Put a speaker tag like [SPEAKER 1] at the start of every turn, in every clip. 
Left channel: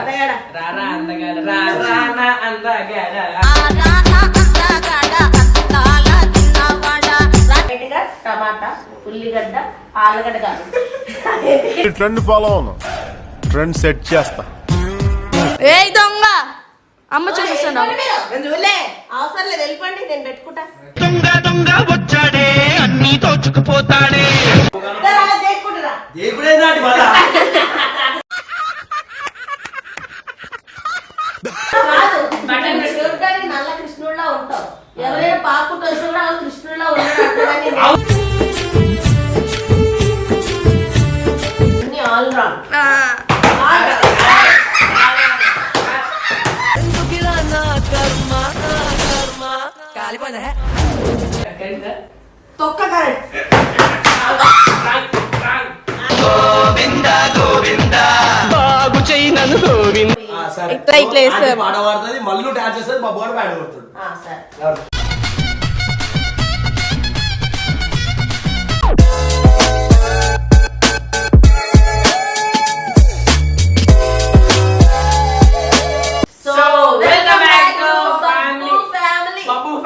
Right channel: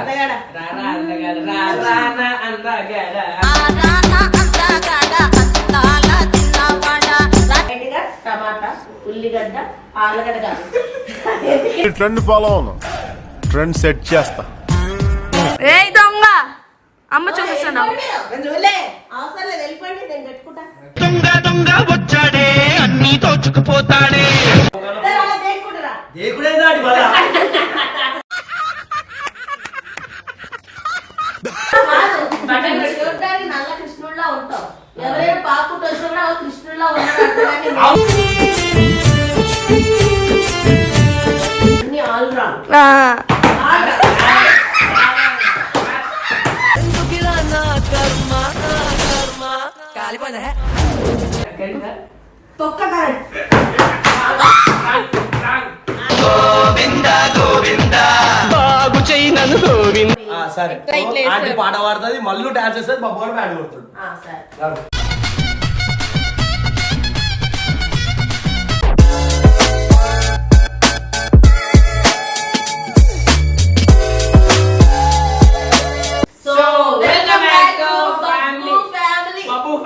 [SPEAKER 1] అందగాడ
[SPEAKER 2] రారా అందగాడ రా రానా అందగాడ?
[SPEAKER 1] గట్టిగా టమాటా ఉల్లిగడ్డ ఆలుగడ్డ కాదు
[SPEAKER 3] ఈ ట్రెండ్ ఫాలో అవును. ట్రెండ్ సెట్ చేస్తా.
[SPEAKER 4] ఏ దొంగ! అమ్మ చూపిస్తున్నావు
[SPEAKER 1] నేను చూడలే. అవసరం లేదు వెళ్ళిపోండి నేను పెట్టుకుంటా.
[SPEAKER 5] దొంగ దొంగ వచ్చాడే అన్ని దోచుకుపోతాడే
[SPEAKER 1] చేసుకుంటారా
[SPEAKER 2] దేవుడే నాటి మళ్ళా?
[SPEAKER 1] నల్ల కృష్ణుడిలా ఉంటావు. ఎవరైనా కృష్ణుడిలా ఉన్నాడు ఆల్ తొక్క కరెక్ట్
[SPEAKER 5] బాగు చేయి నన్ను గోవింద.
[SPEAKER 2] సరే. పాట పాడుతుంది మళ్ళీ డాన్స్ చేస్తుంది మా బోర్డు బ్యాడ్ కొడుతుంది.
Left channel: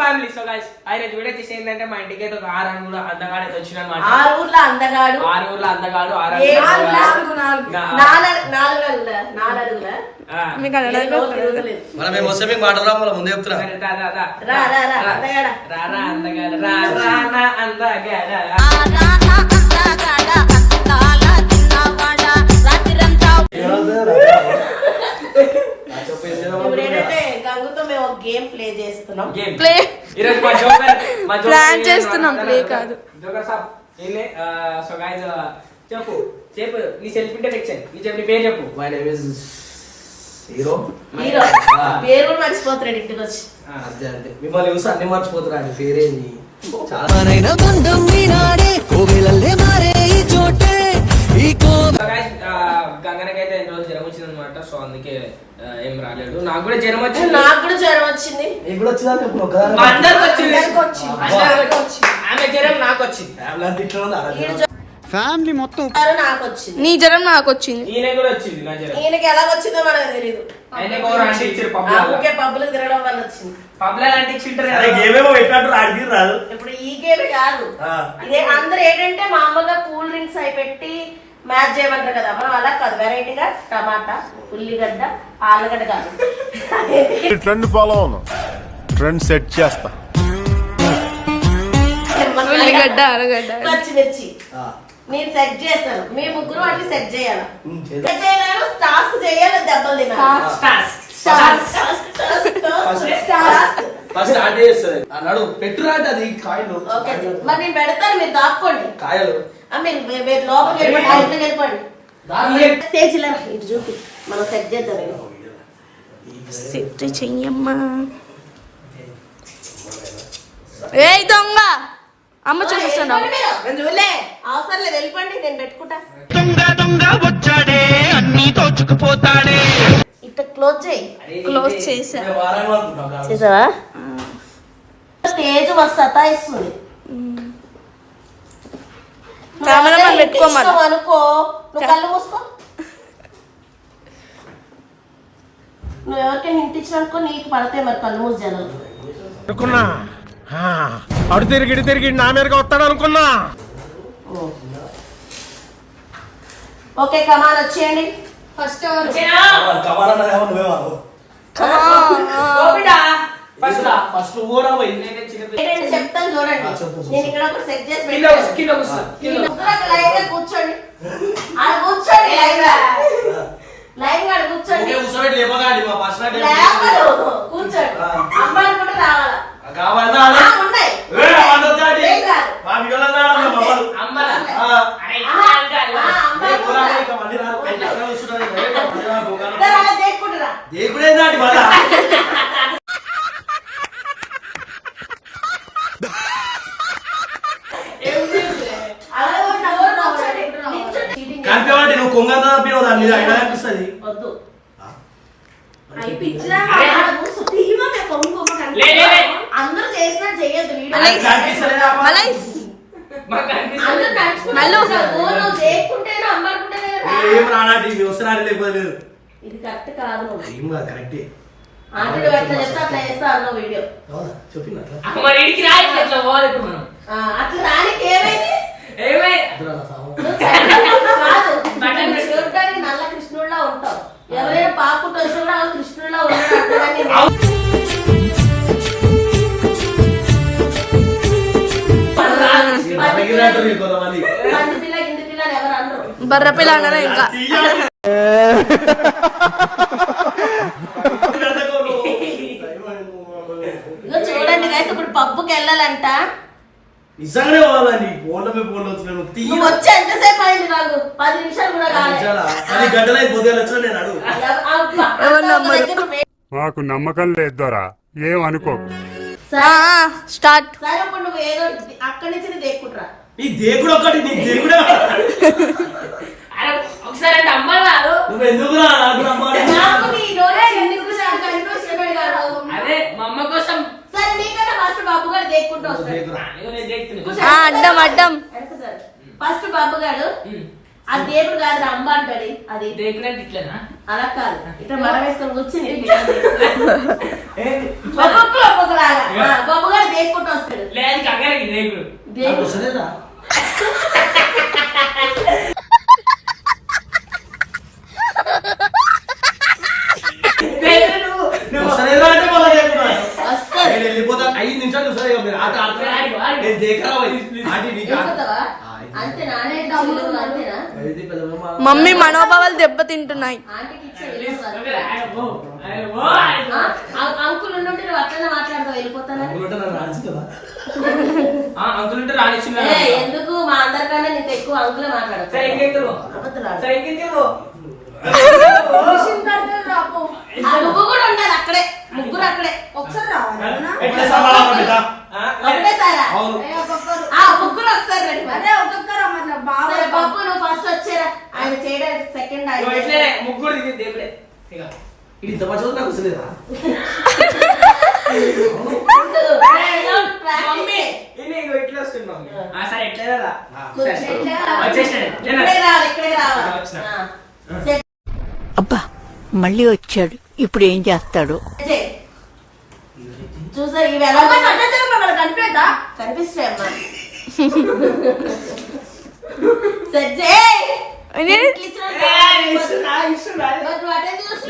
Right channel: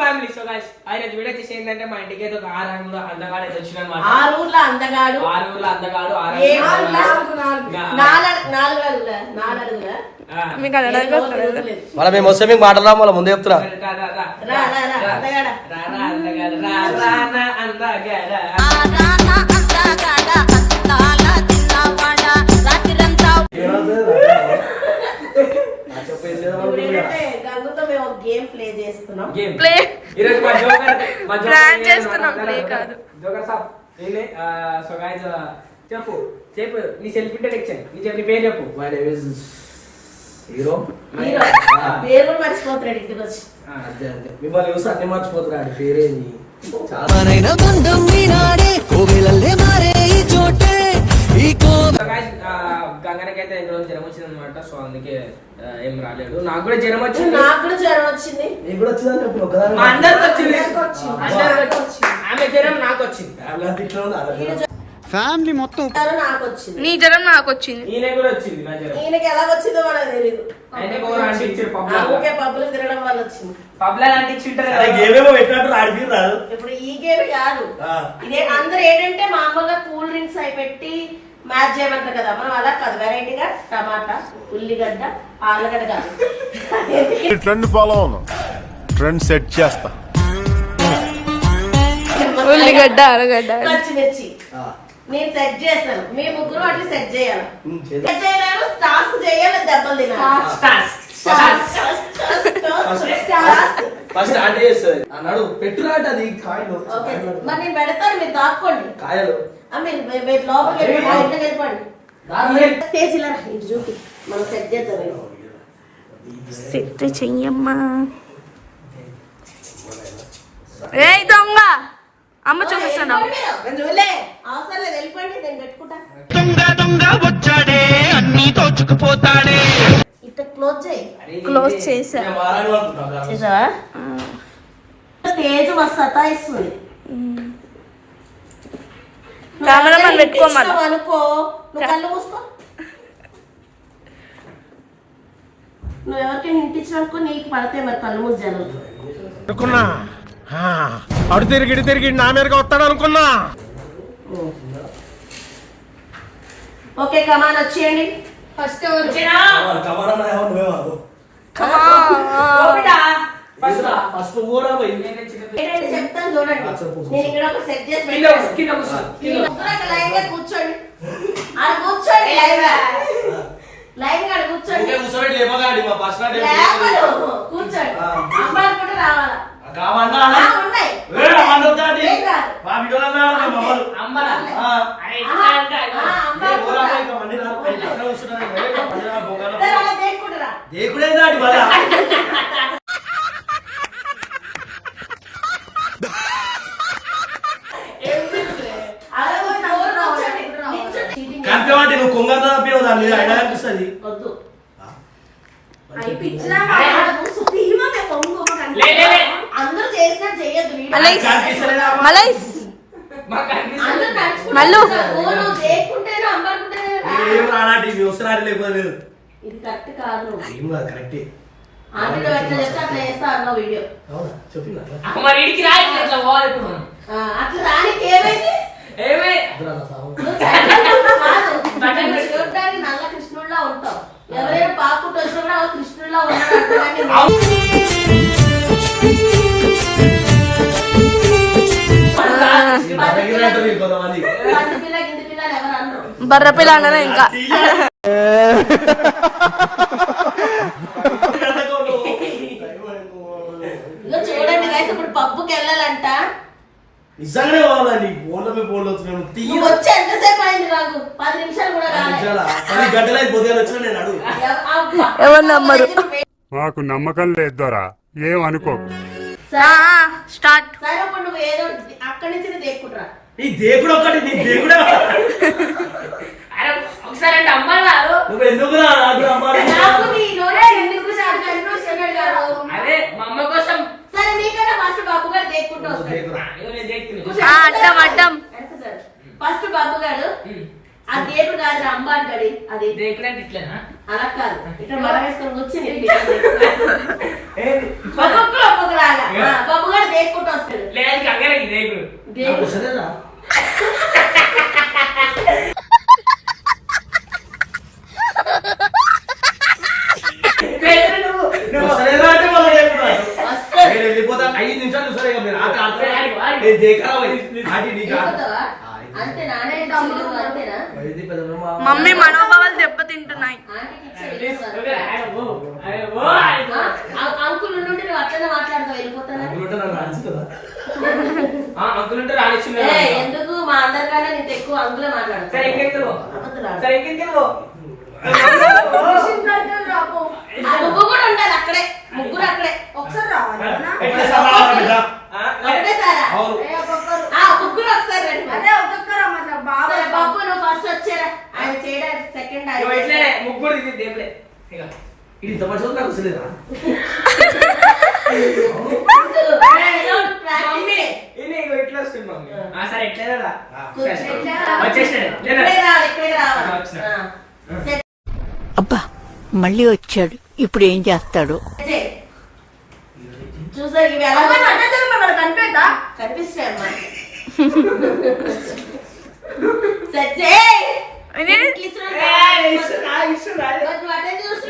[SPEAKER 2] ఫ్యామిలీ సో గైస్ ఆయన వీడియో చేసి ఏంటంటే మా ఇంటికి అయితే ఒక ఆరు కూడా అందగాడు అయితే వచ్చిన
[SPEAKER 1] ఆ ఊర్లో అందగాడు
[SPEAKER 2] ఆరు ఊర్లో అందగాడు ఆరు
[SPEAKER 1] అడుగులా అడుగులా.
[SPEAKER 6] మళ్ళీ మేము వస్తే మీకు మళ్ళీ ముందే చెప్తున్నా
[SPEAKER 1] అందగాడ. గంగుతో మేము ఒక గేమ్ ప్లే చేస్తున్నాం.
[SPEAKER 2] గేమ్.
[SPEAKER 4] Play.
[SPEAKER 2] ఈరోజు మా జోకర్ మా జోకర్
[SPEAKER 4] Plan
[SPEAKER 2] ఏం
[SPEAKER 4] చేస్తున్నాం,
[SPEAKER 2] అన్నాడు?
[SPEAKER 4] play కాదు.
[SPEAKER 2] జోకర్ సాబ్ ఏంలే సో గాయస్ చెప్పు. చెప్పు. నీ సెల్ఫ్ ఇంట్రడక్షన్ నీ చెప్పు నీ పేరు చెప్పు.
[SPEAKER 6] My name is hero
[SPEAKER 1] hero పేరు కూడా మర్చిపోతున్నాడు ఇంటికి వచ్చి
[SPEAKER 6] అంతే అంతే. మిమ్మల్ని చూసి అన్ని మర్చిపోతున్నా అండి పేరేంది. చాలా
[SPEAKER 7] బంధం ఈనాడే కోవెలల్లే మారే ఈ చోటే. ఈ కో
[SPEAKER 2] సో గాయస్ గంగనకి అయితే ఎన్ని రోజులు జ్వరం వచ్చింది అనమాట సో అందుకే ఏం రాలేడు నాకు కూడా జ్వరం వచ్చింది.
[SPEAKER 1] నాకు కూడా జ్వరం వచ్చింది.
[SPEAKER 6] నీకు కూడా ఒకదాని
[SPEAKER 2] అందరికి వచ్చింది.
[SPEAKER 1] అందరికి వచ్చింది.
[SPEAKER 2] అందరికి వచ్చింది. ఆమె జ్వరం నాకు వచ్చింది.
[SPEAKER 6] ఇట్లా
[SPEAKER 7] ఫ్యామిలీ మొత్తం
[SPEAKER 1] నాకు వచ్చింది
[SPEAKER 4] నీ జ్వరం నాకు వచ్చింది
[SPEAKER 2] ఈయన కూడా వచ్చింది నా జ్వరం
[SPEAKER 1] ఈయనకి ఎలా వచ్చిందో మనకు తెలియదు
[SPEAKER 2] ఆయనకి ఎవరు అంటే ఇచ్చారు పబ్లా
[SPEAKER 1] ఊకే పబ్బులు తిరగడం వల్ల వచ్చింది.
[SPEAKER 2] పబ్లా అంటే ఇచ్చింటారు
[SPEAKER 6] అరే
[SPEAKER 2] కదా.
[SPEAKER 6] గేమేమో పెట్టినట్టు ఆడికి రాదు.
[SPEAKER 1] ఇప్పుడు ఈ గేమ్ కాదు.
[SPEAKER 6] ఆ.
[SPEAKER 1] ఇదే అందరు ఏంటంటే మామూలుగా కూల్ డ్రింక్స్ అయి పెట్టి మ్యాచ్ చేయమంటారు కదా. మనం అలా కాదు. వెరైటీగా టమాటా ఉల్లిగడ్డ ఆలుగడ్డ కాదు.
[SPEAKER 3] ట్రెండ్ ఫాలో అవును. ట్రెండ్ సెట్ చేస్తా.
[SPEAKER 4] ఉల్లిగడ్డ అరగడ్డ
[SPEAKER 1] పచ్చిమిర్చి. నేను సెట్ చేస్తాను. మీ ముగ్గురు అట్లా సెట్ చేయాలి. సెట్ చేయలేను టాస్క్ చేయాలి దెబ్బలు తినాలి.
[SPEAKER 6] ఫస్ట్ ఆంటీ చేస్తుంది. అన్నాడు పెట్టురా అంటే అది కాయలు.
[SPEAKER 1] మరి నేను పెడతాను మీరు దాక్కోండి.
[SPEAKER 6] కాయలు.
[SPEAKER 1] మీరు లోపలికి వెళ్ళిపోండి ఇటు చూపి. మనం సెట్ చేద్దాం.
[SPEAKER 4] సిట్టి చెయ్యమ్మా. ఏ దొంగ! అమ్మ చూపిస్తున్నావు
[SPEAKER 1] వెళ్ళిపోండి మీరు. నేను చూడలే అవసరం లేదు వెళ్ళిపోండి నేను పెట్టుకుంటా.
[SPEAKER 5] దొంగ దొంగ వచ్చాడే అన్ని దోచుకుపోతాడే
[SPEAKER 1] ఇట్లా క్లోజ్ చేయి.
[SPEAKER 4] క్లోజ్ చేసా.
[SPEAKER 1] చేసావా? స్టేజ్ మస్తు సతాయిస్తుంది.
[SPEAKER 4] కెమెరామెన్ పెట్టుకోమను.
[SPEAKER 1] ఇష్టం అనుకో. నువ్వు కళ్ళు మూసుకో. నువ్వు ఎవరికైనా నీకు పడితే మరి కళ్ళు మూసి జనం
[SPEAKER 3] అనుకున్నా. అడు తిరిగి ఇటు తిరిగి నా మీదకి వస్తాడు అనుకున్నా.
[SPEAKER 1] ఓకే కమాన్ వచ్చేయండి.
[SPEAKER 4] ఫస్ట్ ఎవరు.
[SPEAKER 1] ఏంటంటే చెప్తాను చూడండి. నేను ఇక్కడ ఒక సెట్ చేసి పెట్టాను. లైన్గా కూర్చోండి. ఆడ కూర్చోండి. లైన్గా లైన్గా ఆడ కూర్చోండి.
[SPEAKER 6] ఊరికే కూర్చోబెట్టి లేపగాడి, మా పర్సనల్ డేట్
[SPEAKER 1] లేపలు కూర్చోండి.
[SPEAKER 6] ఆ.
[SPEAKER 1] అమ్మాయిలు కూడా రావాలా.
[SPEAKER 6] అలా.
[SPEAKER 1] ఉన్నాయి.
[SPEAKER 6] మా మళ్ళీ నువ్వు దాని మీద. అయినా కనిపిస్తుంది.
[SPEAKER 1] వద్దు. అయి పిచ్చిరా ఆడ కూర్చో. తీయమనే పొంగు పొంగు కనిపిస్తుంది.
[SPEAKER 2] లే, లే, లే.
[SPEAKER 1] అందరూ చేసినట్టు చేయొద్దు వీడియో.
[SPEAKER 4] మలైస్? మలైస్. మల్లు.
[SPEAKER 6] ఏం వస్తున్నారు లేకపోతే
[SPEAKER 1] ఇది కరెక్ట్ కాదు.
[SPEAKER 6] ఏం కాదు కరెక్టే.
[SPEAKER 2] మరి ఇడికి పోవాలి ఇప్పుడు మనం.
[SPEAKER 1] అట్లా రానికి ఏమైంది?
[SPEAKER 2] ఏమై?
[SPEAKER 1] నల్ల కృష్ణుడిలా ఉంటావు. ఎవరైనా కృష్ణుడిలా
[SPEAKER 6] నీకు
[SPEAKER 1] పిల్ల అనరు.
[SPEAKER 4] బర్ర పిల్ల అన్ననే ఇంకా.
[SPEAKER 1] చూడండి guys, ఇప్పుడు పబ్బుకి వెళ్ళాలంట.
[SPEAKER 6] నిజంగానే కావాలండి ఫోన్లో పోయి ఫోన్లో వచ్చినాను తీయ.
[SPEAKER 1] నువ్వు వచ్చి ఎంతసేపు అయింది రాదు పది నిమిషాలు కూడా కాలేదు
[SPEAKER 6] అది గంటల పొద్దుగా వచ్చిన నేను అడుగు.
[SPEAKER 1] అబ్బా.
[SPEAKER 4] ఎవరు నమ్మరు?
[SPEAKER 3] మాకు నమ్మకం లేదు దొరా. ఏమనుకోకు
[SPEAKER 4] ఆ, స్టార్ట్.
[SPEAKER 1] సరే ఇప్పుడు నువ్వు ఏదో అక్కడి నుంచి నీ దేక్కుంటురా
[SPEAKER 6] నీ దేవుడు ఒకటి నీ దేవుడే?
[SPEAKER 2] అరే ఒకసారి అంటే అమ్మ రాదు
[SPEAKER 6] నువ్వు ఎందుకు రా నాకు అమ్మాయి
[SPEAKER 1] నాకు నీ రోజు ఎందుకు నాకు కనిపిస్తున్నాడు కాదు.
[SPEAKER 2] అదే మా అమ్మ కోసం
[SPEAKER 1] సరే నీకన్నా ఫస్ట్ బాబు గారు దేక్కుంటూ
[SPEAKER 4] అడ్డం అడ్డం.
[SPEAKER 1] ఫస్ట్ బాబు గారు ఆ దేవుడు కాదు అమ్మ అంటాడు. అది
[SPEAKER 2] ఇట్లేనా?
[SPEAKER 1] అలా కాదు. ఇట్లా మడ వేసుకొని కూర్చుని ఒక్కొక్కరు ఒక్కొక్కలాగా. బాబు గారు దేక్కుంటూ వస్తాడు.
[SPEAKER 2] లేదు
[SPEAKER 1] దేవుడు. వస్తాడు
[SPEAKER 6] నేను వెళ్ళిపోతా. ఐదు నిమిషాలు చూసారు ఇక మీరు. ఆట ఆడితే
[SPEAKER 2] ఆడి
[SPEAKER 6] నీకు
[SPEAKER 4] మమ్మీ మనోభావాలు దెబ్బతింటున్నాయి.
[SPEAKER 1] అంకుల్ ఉండి నువ్వు అట్లనే మాట్లాడతావు ఏ, ఎందుకు? మా అందరికన్నా నీకు ఎక్కువ అంకులే
[SPEAKER 2] సరే
[SPEAKER 1] మాట్లాడతావు నువ్వు కూడా ఉండాలి అక్కడే ముగ్గురు అక్కడే ఒకసారి
[SPEAKER 6] ఎట్లా సమాధానం బిడ్డ?
[SPEAKER 1] ఒకటే సారా
[SPEAKER 6] అవును
[SPEAKER 1] ఆ ముగ్గురు ఒకసారి రండి మరి. సరే, బాబు నువ్వు ఫస్ట్ వచ్చారా ఆయన చేయడానికి సెకండ్
[SPEAKER 2] ఇట్లనే ముగ్గురు ఇది ఇక.
[SPEAKER 6] ఇది ఇంత మంచిగా నాకు వస్తలేదా
[SPEAKER 2] మమ్మీ ఇది ఇట్లా వస్తుంది మమ్మీ ఆ, సరే ఎట్లా వచ్చేసినాడు
[SPEAKER 1] ఇక్కడే రావాలి
[SPEAKER 8] అబ్బా మళ్ళీ వచ్చాడు. ఇప్పుడు ఏం చేస్తాడు.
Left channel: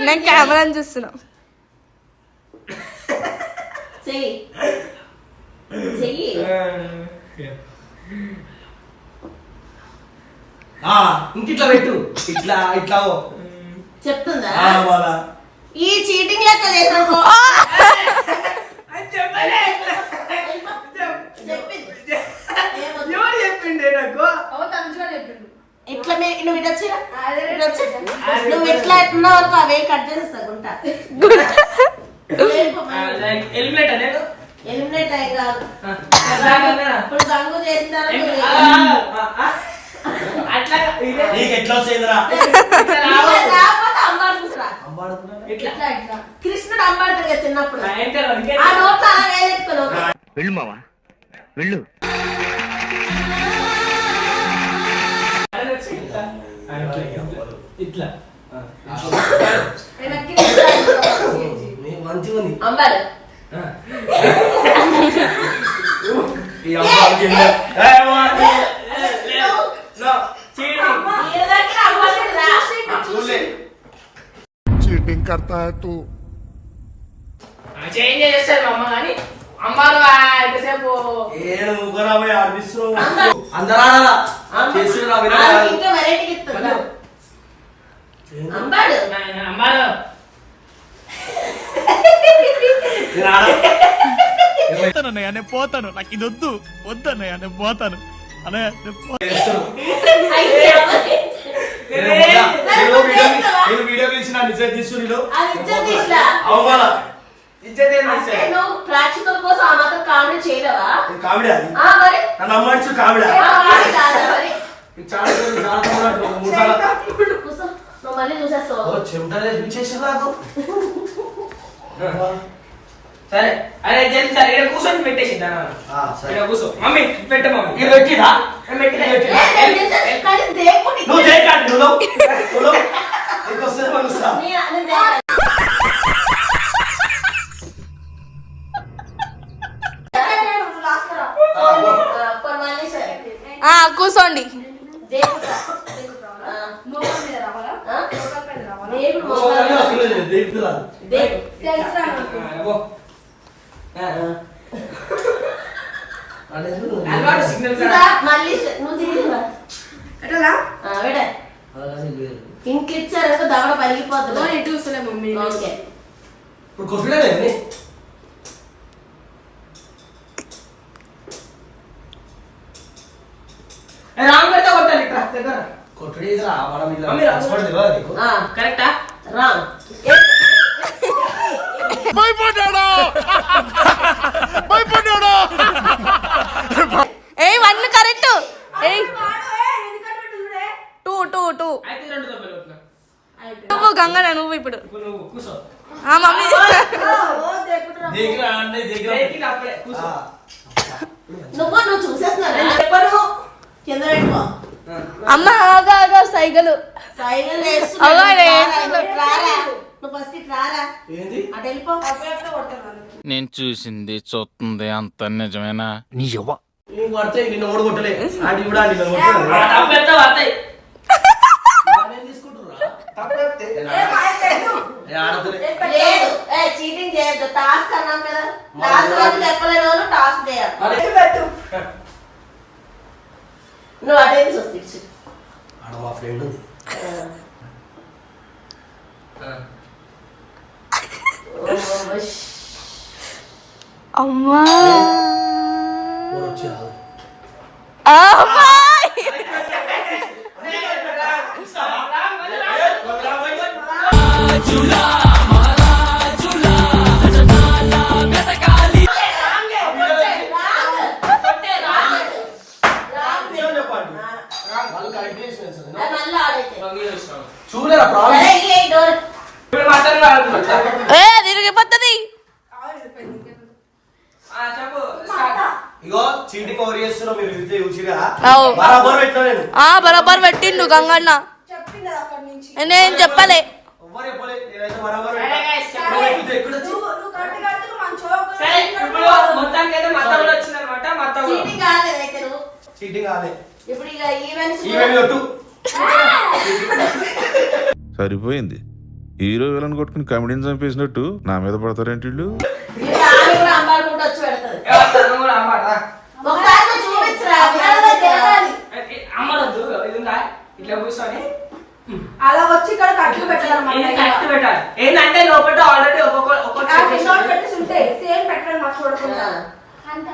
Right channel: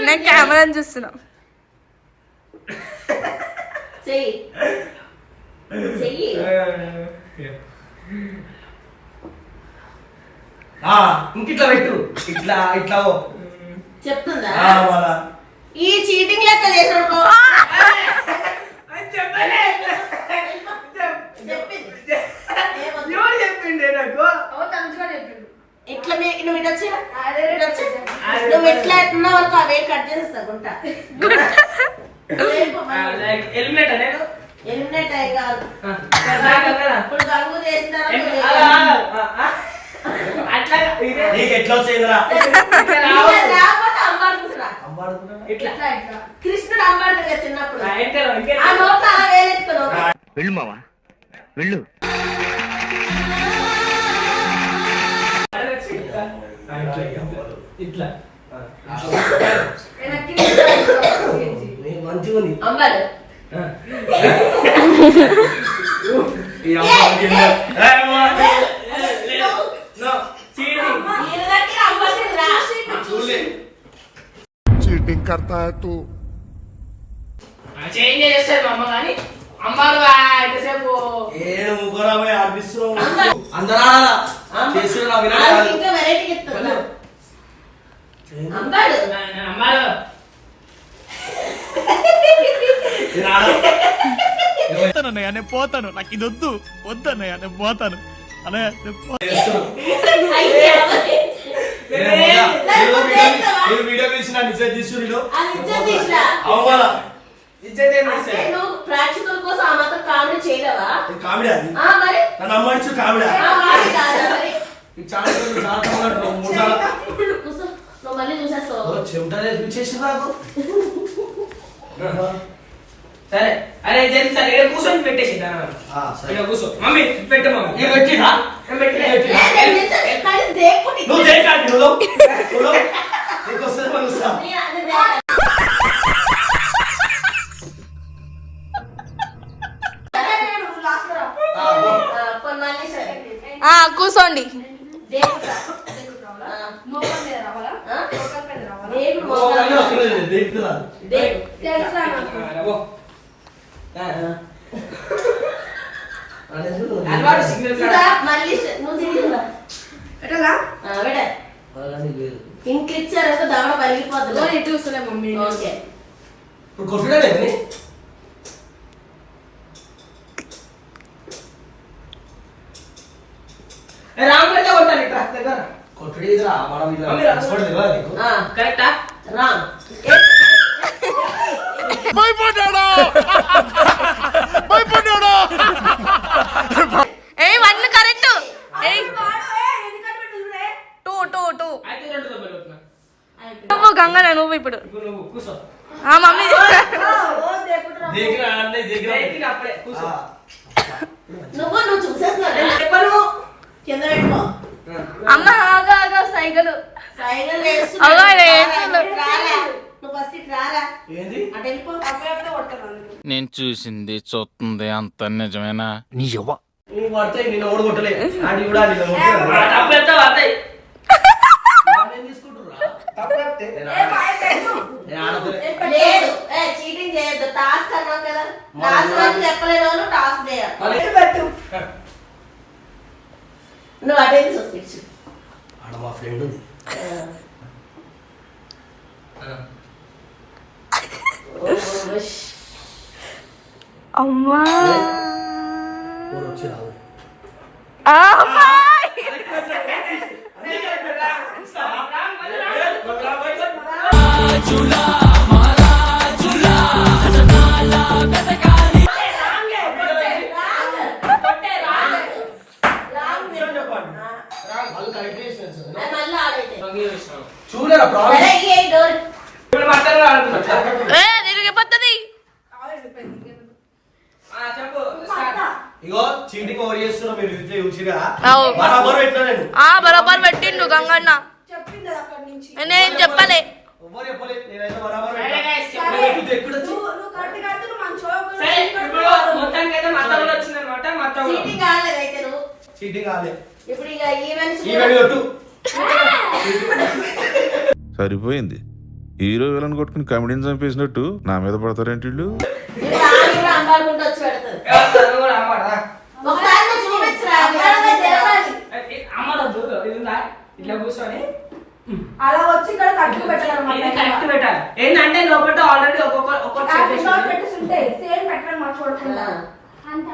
[SPEAKER 4] నేను కెమెరాని చూస్తున్నా.
[SPEAKER 6] ఇంకిట్లా పెట్టు. ఇట్లా ఇట్లా.
[SPEAKER 1] చెప్తుందా. ఈ చీటింగ్ లెక్క
[SPEAKER 2] నాకు?
[SPEAKER 1] ఇట్లా నువ్వు ఇటు వచ్చి నువ్వు ఇట్లా అనుకో అవే కట్ చేస్తా గుంట. ఎలిమినేట్ అయ్యి కాదు? ఇప్పుడు గంగు.
[SPEAKER 2] అట్లా
[SPEAKER 6] నీకు ఎట్లా వస్తాయిరా
[SPEAKER 2] ఇట్లా రావు.
[SPEAKER 1] ఇలా లేకపోతే అమ్మాడుకుంటురా
[SPEAKER 2] ఇట్లా
[SPEAKER 1] కృష్ణుడు అమ్మాడుతుంది కదా చిన్నప్పుడు.
[SPEAKER 2] ఆ,
[SPEAKER 1] అలా వేలెట్టుకున్నావు
[SPEAKER 5] వెళ్ళు మావా. వెళ్ళు.
[SPEAKER 2] ఇట్లా.
[SPEAKER 6] మంచిగా ఉంది
[SPEAKER 1] అమ్మాడు.
[SPEAKER 6] ఈ అమ్మాయికి ఏం లేదు. ఏ, వా.
[SPEAKER 2] చీటింగ్
[SPEAKER 1] వీళ్ళ దగ్గర అమ్మాడుతుందిరా
[SPEAKER 6] చూడలే.
[SPEAKER 3] కర్తా హై తూ
[SPEAKER 2] చేంజ్ చేస్తారు మా అమ్మ కానీ అమ్మారు ఎంతసేపు
[SPEAKER 6] ఏడు ఆడిపిస్తున్నావు. అందరూ.
[SPEAKER 1] ఇంకా వెరైటీ అమ్మాడు
[SPEAKER 6] నేను ఆడ-
[SPEAKER 5] పోతానన్నయ్య నేను పోతాను. నాకు ఇది వద్దు. నేను పోతాను. అన్నయ్య నేను పో-
[SPEAKER 6] చేస్తున్నాను.
[SPEAKER 1] అయ్యో.
[SPEAKER 6] నేను వీడియో తీసిన నిజం తీసు నేను
[SPEAKER 1] అది ఇచ్చేది తీసిరా.
[SPEAKER 6] అవ్వాలా
[SPEAKER 1] ప్రేక్షకుల కోసం ఆ మాత్రం కామెడీ చేయలేవా?
[SPEAKER 6] ఇది కామెడీ అది.
[SPEAKER 1] ఆ మరి?
[SPEAKER 6] నన్ను అమ్మాడిచ్చు కామెడీ చాలా
[SPEAKER 1] నువ్వు మళ్ళీ చూసేస్తావు.
[SPEAKER 6] నాకు.
[SPEAKER 2] సరే. అరే జల్ది సరే ఇక్కడ కూర్చొని పెట్టేసి దాని
[SPEAKER 6] ఆ, సరే.
[SPEAKER 2] ఇక్కడ కూర్చో. మమ్మీ పెట్ట మమ్మీ. నేను పెట్టలే.
[SPEAKER 6] పెట్టిరా?
[SPEAKER 1] ఏ, నేను చేసేది కానీ దేనికి
[SPEAKER 6] నువ్వు చేయకండి నువ్వు నువ్వు నీకు వస్తుంది మనం చూస్తా.
[SPEAKER 1] నీ-
[SPEAKER 4] చెప్పండి
[SPEAKER 1] దేవుడు ఆ. ఆ? దేవుడు
[SPEAKER 6] ఓ,
[SPEAKER 1] మోకాలు
[SPEAKER 6] అన్నీ వస్తున్నాయి, దేనికి రాదు.
[SPEAKER 1] దేవుడు.
[SPEAKER 2] ఓ. ఆ.
[SPEAKER 6] అంటే చూడు.
[SPEAKER 2] అలవాటు సిగ్నల్
[SPEAKER 1] ఇదా, మళ్ళీ నువ్వు తిరిగిరా
[SPEAKER 4] ఎట్లా
[SPEAKER 1] ఆ, విడే
[SPEAKER 6] అలాగే లేదు.
[SPEAKER 1] ఇంక ఇచ్చారు దవడ పలిగిపోతుంది
[SPEAKER 4] చూస్తలే మమ్మీ
[SPEAKER 1] ఓకే
[SPEAKER 6] ఇప్పుడు కొట్టుడే
[SPEAKER 2] రాంగ్ పెడితే కొట్టాలి ఇట్లా దగ్గర.
[SPEAKER 6] కొట్టుడే ఇదిరా, మనం ఇట్లా
[SPEAKER 2] రా.
[SPEAKER 6] కష్టపడి తెలియదా నీకు?
[SPEAKER 2] కరెక్టా?
[SPEAKER 1] రాంగ్
[SPEAKER 3] భయపడ్డాడు? భయపడ్డాడు?
[SPEAKER 4] ఏ one correct. Two two two. నువ్వు గంగన నువ్వు ఇప్పుడు? ఆ మమ్మీ.
[SPEAKER 1] నువ్వు నువ్వు చూసేస్తున్నావు. చెప్పను కింద పెట్టుకో.
[SPEAKER 4] అమ్మ ఆగా ఆగా సైకిల్
[SPEAKER 1] సైకిల్
[SPEAKER 4] అవ్వ. వేస్తున్నా.
[SPEAKER 1] రారా నువ్వు ఫస్ట్ ఇటు రారా.
[SPEAKER 6] ఏంది?
[SPEAKER 1] అటు వెళ్ళిపో
[SPEAKER 5] నేను చూసింది చూస్తుంది అంత నిజమేనా?
[SPEAKER 6] నువ్వు పడితే నిన్ను ఓడి కొట్టలే? ఆడి కూడా నిన్ను కొట్టలే.
[SPEAKER 2] డబ్బు పెడితే పడతాయి
[SPEAKER 6] వాడేం తీసుకుంటుర్రా? తప్పైతే. నేను ఆడపిల్ల.
[SPEAKER 1] లేదు. ఏ చీటింగ్ చేయొద్దు. టాస్క్ అన్నాం కదా. టాస్క్ రోజు చెప్పలేని వాళ్ళు టాస్క్ చేయాలి.
[SPEAKER 6] అరే.
[SPEAKER 1] నువ్వు అదే చూసి
[SPEAKER 6] ఆడ మా ఫ్రెండ్ ఉంది.
[SPEAKER 4] అమ్మా.
[SPEAKER 6] ఓడి వచ్చి రాదు
[SPEAKER 4] అమ్మా
[SPEAKER 6] నిజం
[SPEAKER 2] ఇప్పుడు
[SPEAKER 1] ఇక ఈవెంట్స్
[SPEAKER 6] ఈవెంట్ కొట్టు
[SPEAKER 9] సరిపోయింది. హీరో విలన్ కొట్టుకుని కమెడీని చంపేసినట్టు నా మీద పడతారేంటి వీళ్ళు
[SPEAKER 1] కూడా అంబాడుకుంటూ వచ్చి పెడతారు
[SPEAKER 2] ఏ, వస్తాను కూడా అమ్మాడా
[SPEAKER 1] ఒకసారి నువ్వు చూపించురా
[SPEAKER 2] అమ్మడొద్దు ఇది ఉందా ఇట్లా కూర్చొని.
[SPEAKER 10] అలా వచ్చి ఇక్కడ కట్లు పెట్టడం
[SPEAKER 2] ఇది కరెక్ట్ పెట్టాలి? ఏంటంటే లోపల ఆల్రెడీ ఒక్కొక్క
[SPEAKER 10] ఉంటాయి సేమ్ పెట్టడం మాకు చూడకుండా.
[SPEAKER 11] అంత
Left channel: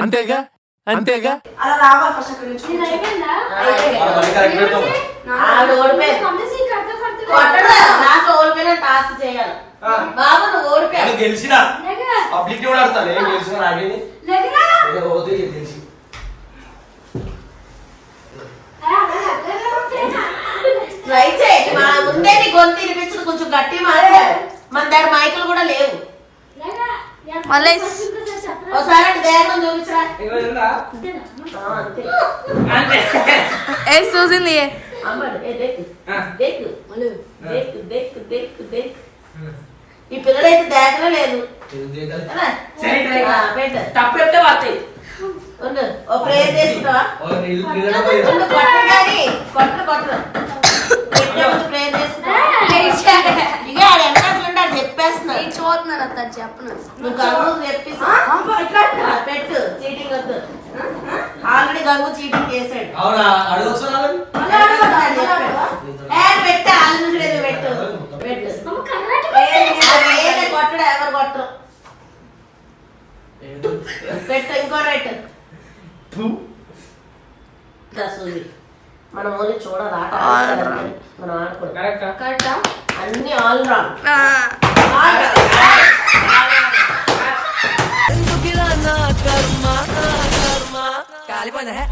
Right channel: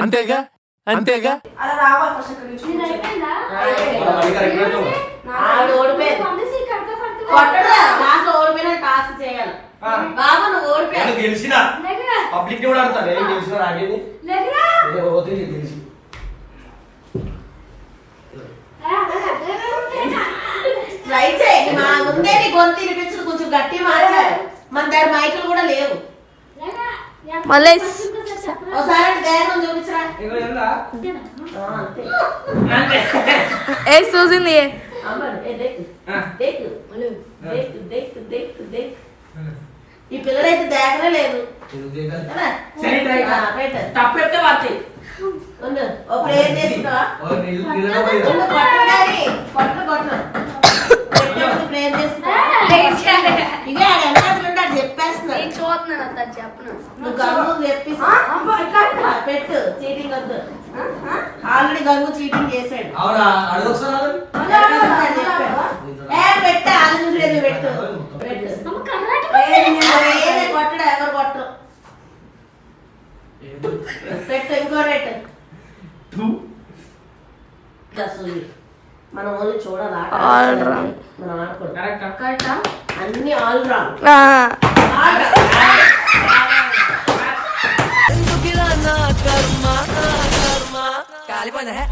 [SPEAKER 3] అంతేగా? అంతేగా?
[SPEAKER 10] అలా రావాలి ఫస్ట్ అక్కడ నుంచి.
[SPEAKER 1] బాబు నువ్వు
[SPEAKER 6] గెలిచినా. పబ్లిక్ కూడా గెలిచిన పోతే గెలిచి
[SPEAKER 1] ట్రై చేయి మా ముందే నీ గొంతు వినిపించదు కొంచెం గట్టి మాట్లాడు. మన దగ్గర మైకులు కూడా లేవు.
[SPEAKER 4] మళ్ళీ
[SPEAKER 1] ఒకసారి అటు దేహం చూపించరా?
[SPEAKER 4] ఏ చూసింది?
[SPEAKER 2] ఆ.
[SPEAKER 1] దేకు దేకు దేకు దేకు దేకు ఈ పిల్లడైతే దేకనే లేదు. ఓ ప్రేయర్ ప్రేయర్ చెప్పేస్తున్నా.
[SPEAKER 4] చూస్తున్నాను చెప్పను.
[SPEAKER 1] నువ్వు గంగు పెట్టు చీటింగ్ వద్దు. ఆల్రెడీ గంగు చీటింగ్ పెట్టు ఆల్రెడీ పెట్టు. కొట్టడు ఎవరు కొట్టరు పెట్టు ఇంకో మనం ఓన్లీ చూడాలి ఆట మనం ఆడుకోవాలి అన్ని ఆల్ రాంగ్
[SPEAKER 4] ఆ.
[SPEAKER 7] నా కర్మ నా కర్మ కాలిపోయిందా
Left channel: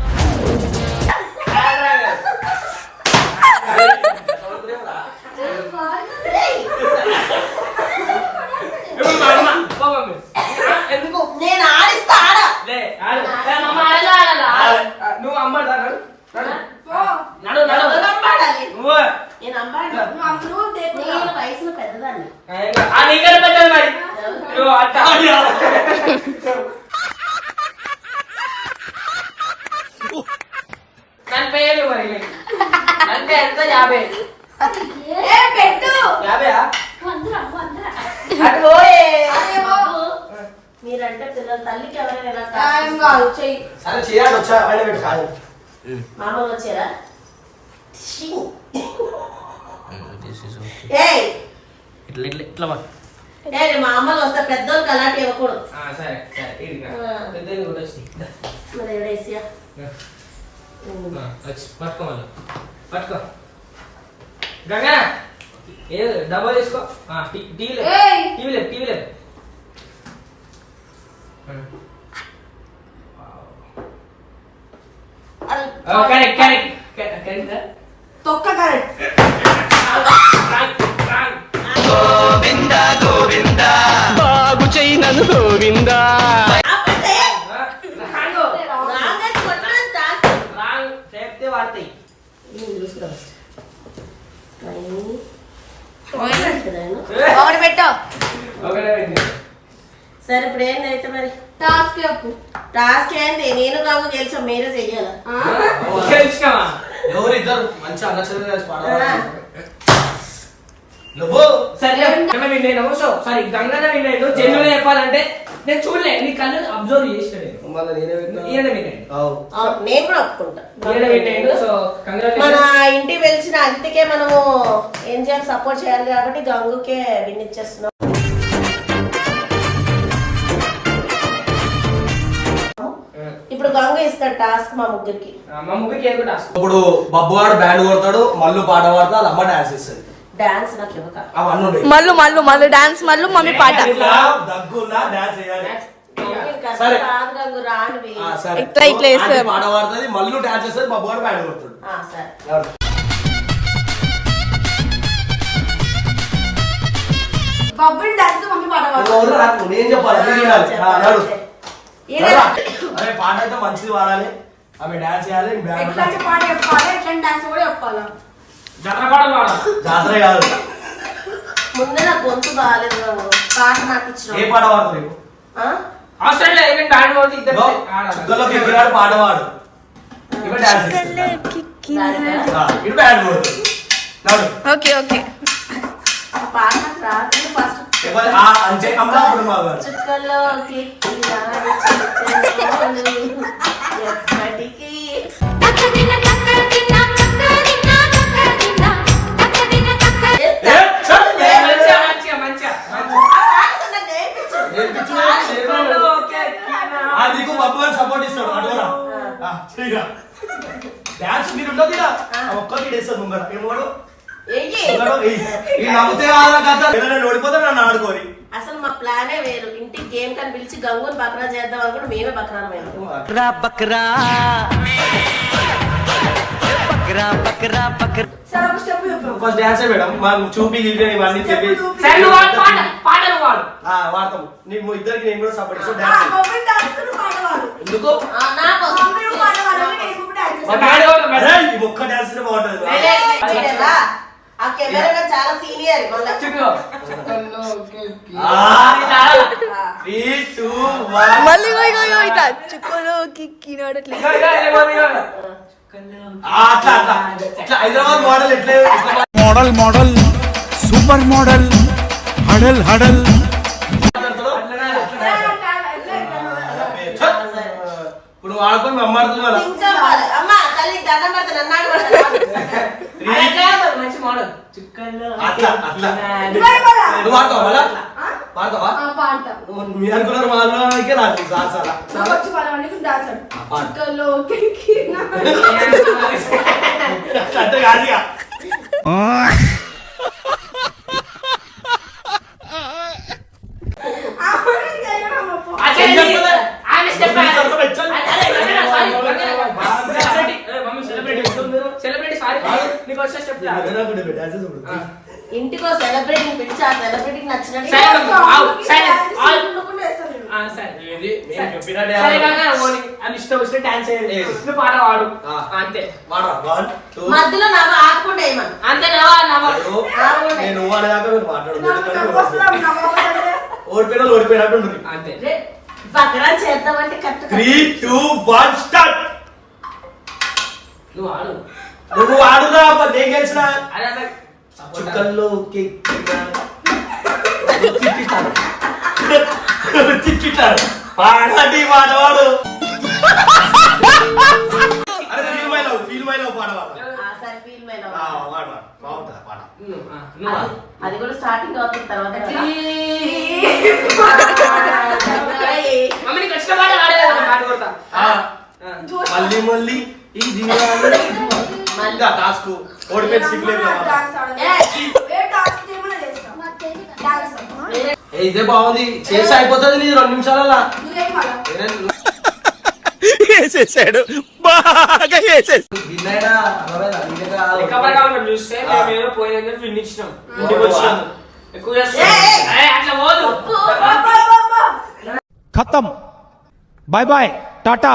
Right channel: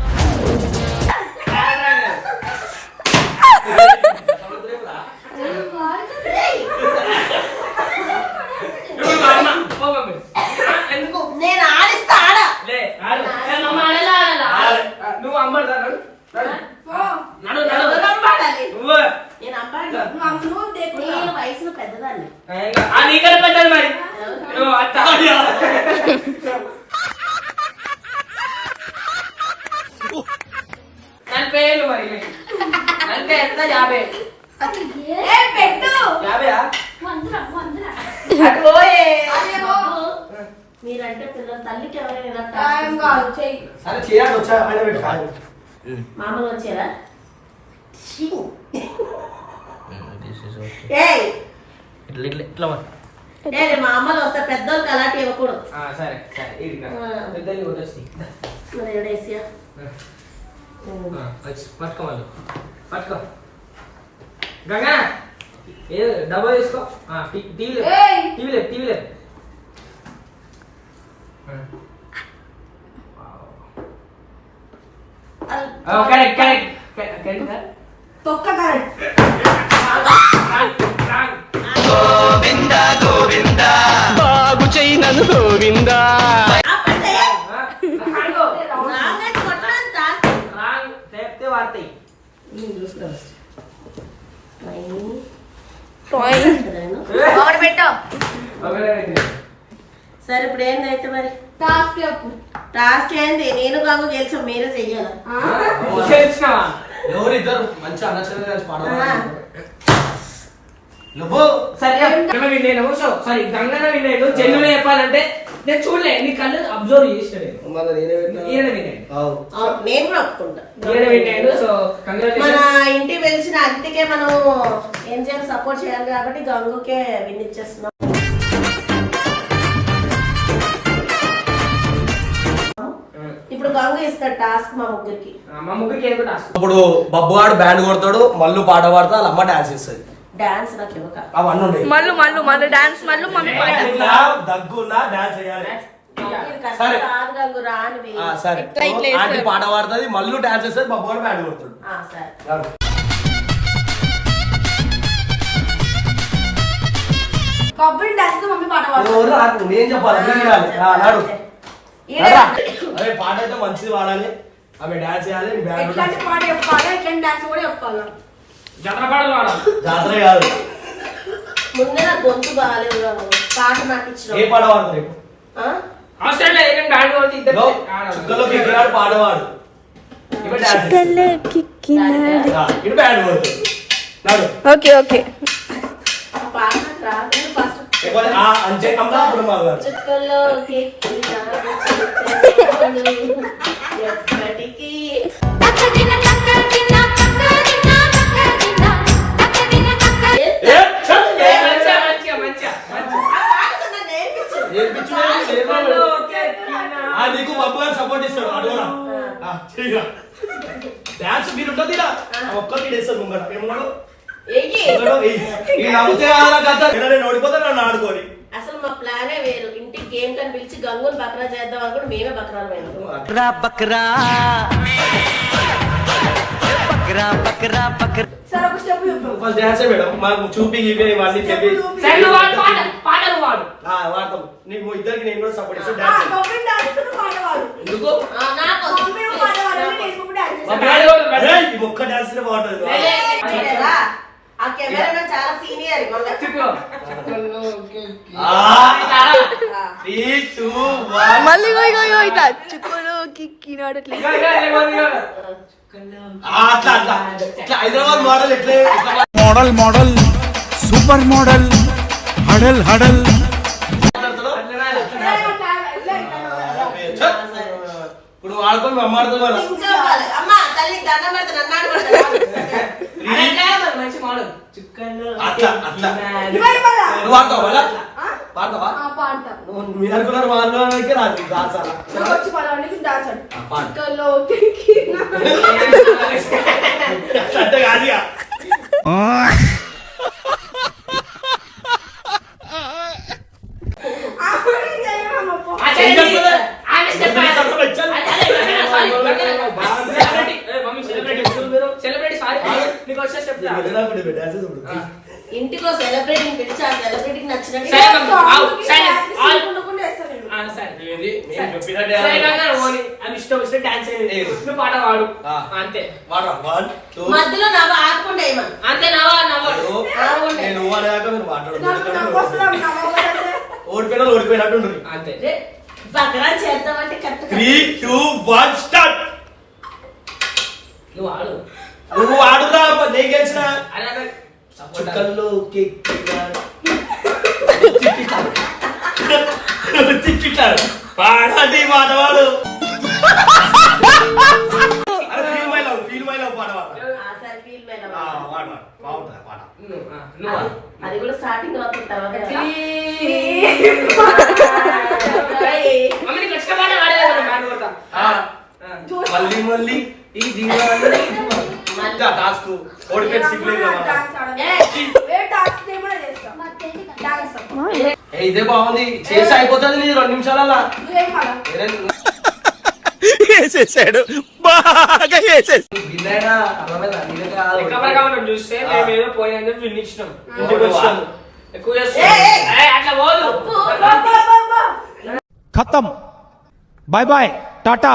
[SPEAKER 2] ఇప్పుడు మా అమ్మ. పో మమ్మీ. ఆ, ఎందుకు
[SPEAKER 1] నేను ఆడిస్తా ఆడ
[SPEAKER 2] లే, ఆడు. ఏ, మమ్మ ఆడలా, ఆడలా. ఆ, నువ్వు అమ్మ దా, నడు నడు నడు నడు
[SPEAKER 1] ఎవరు అంబాడాలి
[SPEAKER 2] నువ్వు
[SPEAKER 1] నేను అంబాడు నేను వయసులో పెద్దదాన్ని
[SPEAKER 2] ఆ, నీకన్నా పెద్దది మరి నువ్వు అట్ట ఆడు. నలభై ఏళ్ళు మరి. అంటే ఎంత? యాభై.
[SPEAKER 1] మీరంటే పిల్లల. తల్లికి ఎవరైనా
[SPEAKER 6] సరే చేయాలి వచ్చా బయట పెట్టు కాదు.
[SPEAKER 1] మామూలు వచ్చారా?
[SPEAKER 2] ఇట్లా ఇట్లా ఇట్లా
[SPEAKER 1] మా అమ్మలు వస్తే పెద్దోళ్ళకి అలాంటి ఇవ్వకూడదు.
[SPEAKER 2] ఆ, సరే సరే వచ్చి పట్టుకో మళ్ళీ. పట్టుకో. గంగా! ఏ డబ్బా తీసుకో టీవీ లేదు. టీవీ లేదు టీవీ లేదు. కరెక్ట్ కరెక్ట్ కరెక్ట్
[SPEAKER 10] తొక్క కరెక్ట్
[SPEAKER 3] బాగు చెయ్యి నన్ను గోవిందా
[SPEAKER 1] నాన్నకి కొట్టడం task.
[SPEAKER 2] రాంగ్ చెప్తే వాడతాయి
[SPEAKER 1] నేను చూసుకురా first. నైని. పోయినట్టున్నాను.
[SPEAKER 10] ఒకటి పెట్టు
[SPEAKER 2] ఒకటే పెట్టింది.
[SPEAKER 1] సరే ఇప్పుడు ఏందైతే మరి?
[SPEAKER 10] టాస్క్ చెప్పు
[SPEAKER 1] టాస్క్ ఏంది? నేను కాము గెలిచాం మీరే చెయ్యాలా?
[SPEAKER 2] ఇంకా ఇచ్చినావా?
[SPEAKER 6] ఎవరు ఇద్దరు మంచి అన్నచంగా కలిసి పాడవాలి? నువ్వు?
[SPEAKER 2] సరే గంగ విన్నాను సో సారీ గంగన విన్నాడు జన్యులు చెప్పాలంటే నేను చూడలే నీ కళ్ళు అబ్జర్వ్ చేసిన నేను? ఈయన విన్నాడు
[SPEAKER 1] కూడా ఒప్పుకుంటా.
[SPEAKER 2] ఈయన విన్నాడు సో
[SPEAKER 1] మన ఇంటికి వెలిసిన అతిథికే మనం ఏం చేయాలి? సపోర్ట్ చేయాలి కాబట్టి గంగుకే విన్నిచ్చేస్తున్నాం ఇప్పుడు గంగు ఇస్తాడు టాస్క్ మా ముగ్గురికి.
[SPEAKER 2] మా ముగ్గురికి ఏదో టాస్క్
[SPEAKER 6] ఇప్పుడు బబ్బు గాడు బ్యాండ్ కొడతాడు మళ్ళీ పాట పాడతా వాళ్ళ అమ్మ డాన్స్ ఇస్తుంది
[SPEAKER 1] డాన్స్ నాకు ఇవ్వక.
[SPEAKER 6] అవన్నీ
[SPEAKER 4] మళ్ళు మళ్ళు మళ్ళు డాన్స్ మళ్ళు మమ్మీ పాట.
[SPEAKER 6] ఇట్లా దగ్గున్నా డాన్స్ చేయాలి. సరే.
[SPEAKER 4] ఇట్లా ఇట్లా
[SPEAKER 6] ఆంటీ
[SPEAKER 4] వేస్తారు.
[SPEAKER 6] పాట పాడుతుంది మళ్ళీ డాన్స్ చేస్తుంది బబ్బు గాడు బ్యాండ్ కొడతాడు.
[SPEAKER 1] ఆ, సరే.
[SPEAKER 10] బబ్బుని డాన్స్ మమ్మీ పాట పాడు
[SPEAKER 6] నువ్వు ఎవరు నాకు నేను చెప్పాలి. అరే పాట అయితే మంచిది పాడాలి. ఆమె డాన్స్ చేయాలి
[SPEAKER 10] ఎట్లాంటి పాట చెప్పాలి? ఎట్లాంటి డాన్స్ కూడా చెప్పాలి?
[SPEAKER 2] జనపాడలు వాడాలి
[SPEAKER 6] జాతర కాదు.
[SPEAKER 1] ముందు నా గొంతు బాగాలేదు పాట నాకు?
[SPEAKER 6] ఏ పాట
[SPEAKER 2] అవసరం లేదు ఇద్దరు.
[SPEAKER 6] చుక్కల్లో కిక్కినాడు ఇప్పుడు డాన్స్ బ్యాండ్ కొడుతుంది నాడు.
[SPEAKER 4] Okay okay.
[SPEAKER 1] పాట రాదు. ఫస్ట్
[SPEAKER 6] ఎవరు? ఆ గారు
[SPEAKER 1] చుక్కల్లో కెక్కినాడు చిలకలు ఎప్పటికీ
[SPEAKER 11] తక్కదిన తక్క
[SPEAKER 6] ఏ.
[SPEAKER 1] ఆ నాకు
[SPEAKER 6] సపోర్ట్ ఇస్తాడు అడగరా డాన్స్ మీరు ఉంటుంది ఒక్కటి ఇడేస్తాడు ముంగడ ఏమోడు ఆడుకోరి
[SPEAKER 1] అసలు మా ప్లానే వేరు ఇంటికి గేమ్ కని పిలిచి గంగుని బక్రా చేద్దాం అనుకుంటే మేమే బక్రాలు
[SPEAKER 6] ఫస్ట్ డాన్సే మేడం మాకు చూపి గీపి ఇవన్నీ చెప్పి
[SPEAKER 2] పాటలు వాడు
[SPEAKER 6] ఆ, వాడతాం నీకు ఇద్దరికి నేను కూడా సపోర్ట్ ఇస్తాను
[SPEAKER 10] ఆ,
[SPEAKER 6] డాన్స్ ఎందుకు
[SPEAKER 10] చేస్తాను
[SPEAKER 6] ఒక్క డాన్స్ బాగుంటుంది?
[SPEAKER 1] ఆ కెమెరా చాలా సీనియర్ మళ్ళీ
[SPEAKER 4] ఇగో ఇగో ఇట్లా చుక్కలు కిక్కినాడు
[SPEAKER 6] Hyderabad model
[SPEAKER 3] model model super model హడల్ హడల్!
[SPEAKER 6] ఇప్పుడు
[SPEAKER 1] ఇంకా వాళ్ళు, అమ్మ తల్లి దండం పెడితే
[SPEAKER 2] మంచి మోడల్ చుక్కల్లో
[SPEAKER 6] అట్లా, అట్లా. నువ్వు ఆడతావా మళ్ళా? పాడతావా? రాదు డాన్స్ అలా.
[SPEAKER 10] వచ్చి డాన్స్. చుక్కల్లో.
[SPEAKER 6] అంటే కాదు
[SPEAKER 1] ఇంటికి సెలబ్రిటీని పిలిచి ఆ సెలబ్రిటీకి నచ్చినట్టు?
[SPEAKER 2] నువ్వు పాట పాడు.
[SPEAKER 6] ఆ.
[SPEAKER 2] అంతే.
[SPEAKER 1] మధ్యలో ఆడకుండా వేయమను
[SPEAKER 2] అంతే నవ్వా నవ్వా.
[SPEAKER 10] నవ్వు?
[SPEAKER 6] ఓడిపోయినా ఓడిపోయినట్టు
[SPEAKER 2] అంతే.
[SPEAKER 1] బక్రా చేద్దామంటే correct
[SPEAKER 6] three two one start!
[SPEAKER 2] నువ్వు ఆడు.
[SPEAKER 6] నువ్వు ఆడురా అబ్బా, నేను గెలిచిన. చుక్కల్లో తిప్పిటారు పాడండి మాట వాడు. అరే feel my love feel my love పాడవా?
[SPEAKER 1] ఆ, సరే ఫీల్ మీద
[SPEAKER 6] ఆ, పాడు పాడు బాగుంటుంది పాడ
[SPEAKER 2] నువ్వు ఆ, నువ్వు? ఆడు.
[SPEAKER 1] అది కూడా స్టార్టింగ్ అవుతుంది తర్వాత
[SPEAKER 6] మళ్ళీ మళ్ళీ ఈ జీవాన్ని ఇంకా టాస్క్ ఓడిపోయి సిగ్గులేదు ఇదే బాగుంది. చేసి అయిపోతుంది నీ రెండు నిమిషాలలా
[SPEAKER 10] నువ్వు
[SPEAKER 3] వేసేసాడు బాగా
[SPEAKER 2] ప్రకారం చూస్తే పోయిన విన్ ఇచ్చినాం. ఎక్కువ అట్లా పోదు.
[SPEAKER 5] ఖతం. Bye bye tata.